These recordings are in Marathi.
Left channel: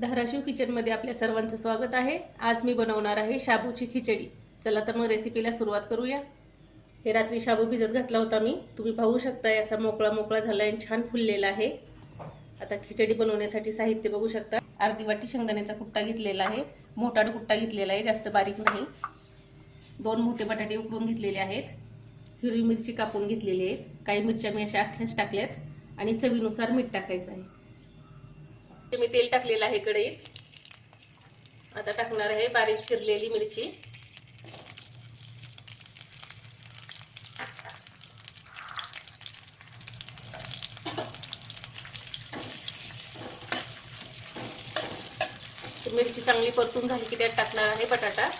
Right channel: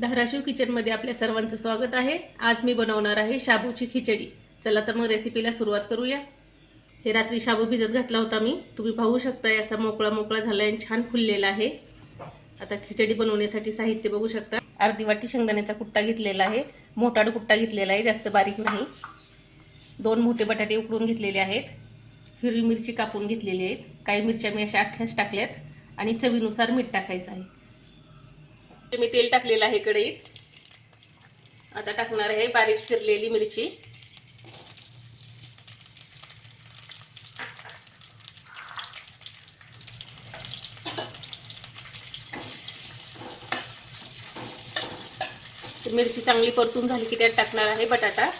धाराशिव किचनमध्ये आपल्या सर्वांचं स्वागत आहे. आज मी बनवणार आहे शाबूची खिचडी. चला तर मग रेसिपीला सुरुवात करूया. हे रात्री शाबू भिजत घातला होता मी. तुम्ही पाहू शकताय असा मोकळा मोकळा झाला आणि छान फुललेला आहे. आता खिचडी बनवण्यासाठी साहित्य बघू शकता. अर्धी वाटी शेंगदाण्याचा कुट्टा घेतलेला आहे. मोठा कुट्टा घेतलेला आहे. जास्त बारीक नाही. दोन मोठे बटाटे उकडून घेतलेले आहेत. हिरवी मिरची कापून घेतलेली आहेत. काही मिरच्या मी अशा अख्ख्याच टाकल्यात. आणि चवीनुसार मीठ टाकायचं आहे. मी तेल टाकलेलं आहे कढईत आता टाकणार आहे बारीक चिरलेली मिरची. मिरची चांगली परतून झाली की त्यात टाकणार आहे बटाटा.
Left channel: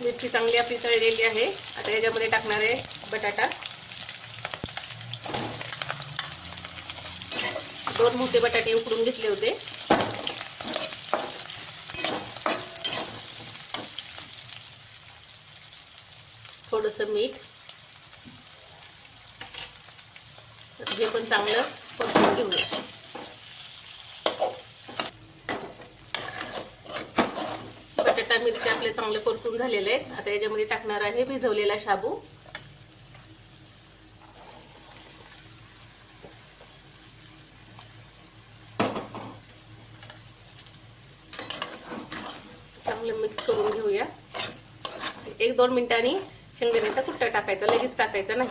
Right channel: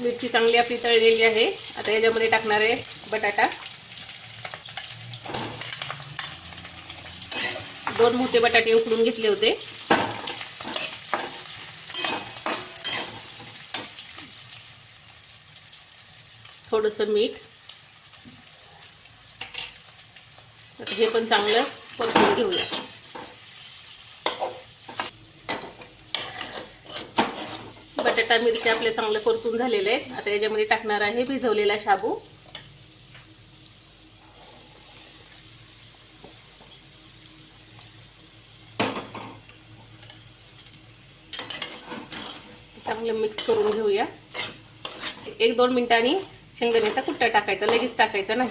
मिरची चांगली आपली तळलेली आहे. आता याच्यामध्ये टाकणार आहे बटाटा. दोन मोठे बटाटे उकडून घेतले होते. थोडस मीठ. हे पण चांगलं परतून घेऊया. बटाटा मिरची आपले चांगले परतून झालेले आहेत. आता याच्यामध्ये टाकणार आहे भिजवलेला शाबू. चांगलं मिक्स करून घेऊया. एक दोन मिनिटांनी शेंगदाण्याचा कुट्टा टाकायचा लगेच टाकायचा नाही.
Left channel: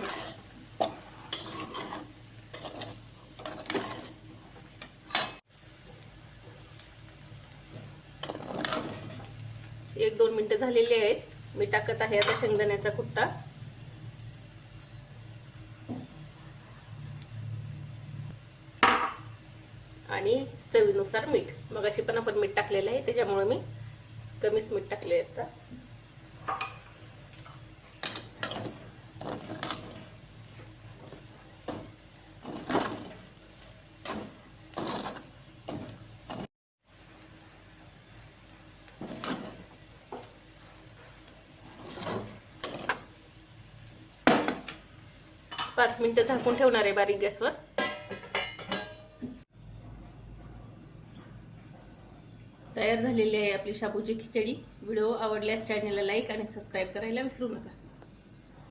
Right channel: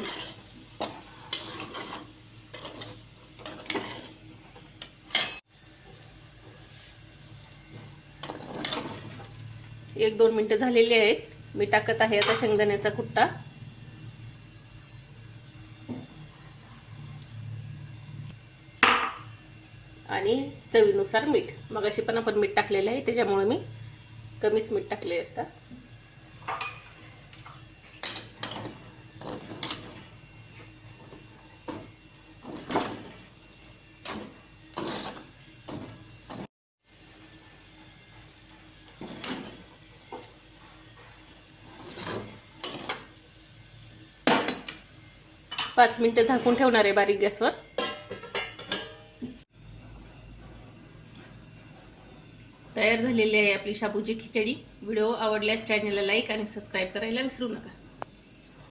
एक दोन मिनिटं झालेली आहेत. मी टाकत आहे आता शेंगदाण्याचा कुट्टा. आणि चवीनुसार मीठ. मग अशी पण आपण मीठ टाकलेलं आहे त्याच्यामुळे मी कमीच मीठ टाकले आता. पाच मिनिटं झाकून ठेवणार आहे बारीक गॅसवर. तयार झालेली आहे आपली शाबूची खिचडी. व्हिडिओ आवडल्यास चॅनलला लाईक आणि सबस्क्राईब करायला विसरू नका.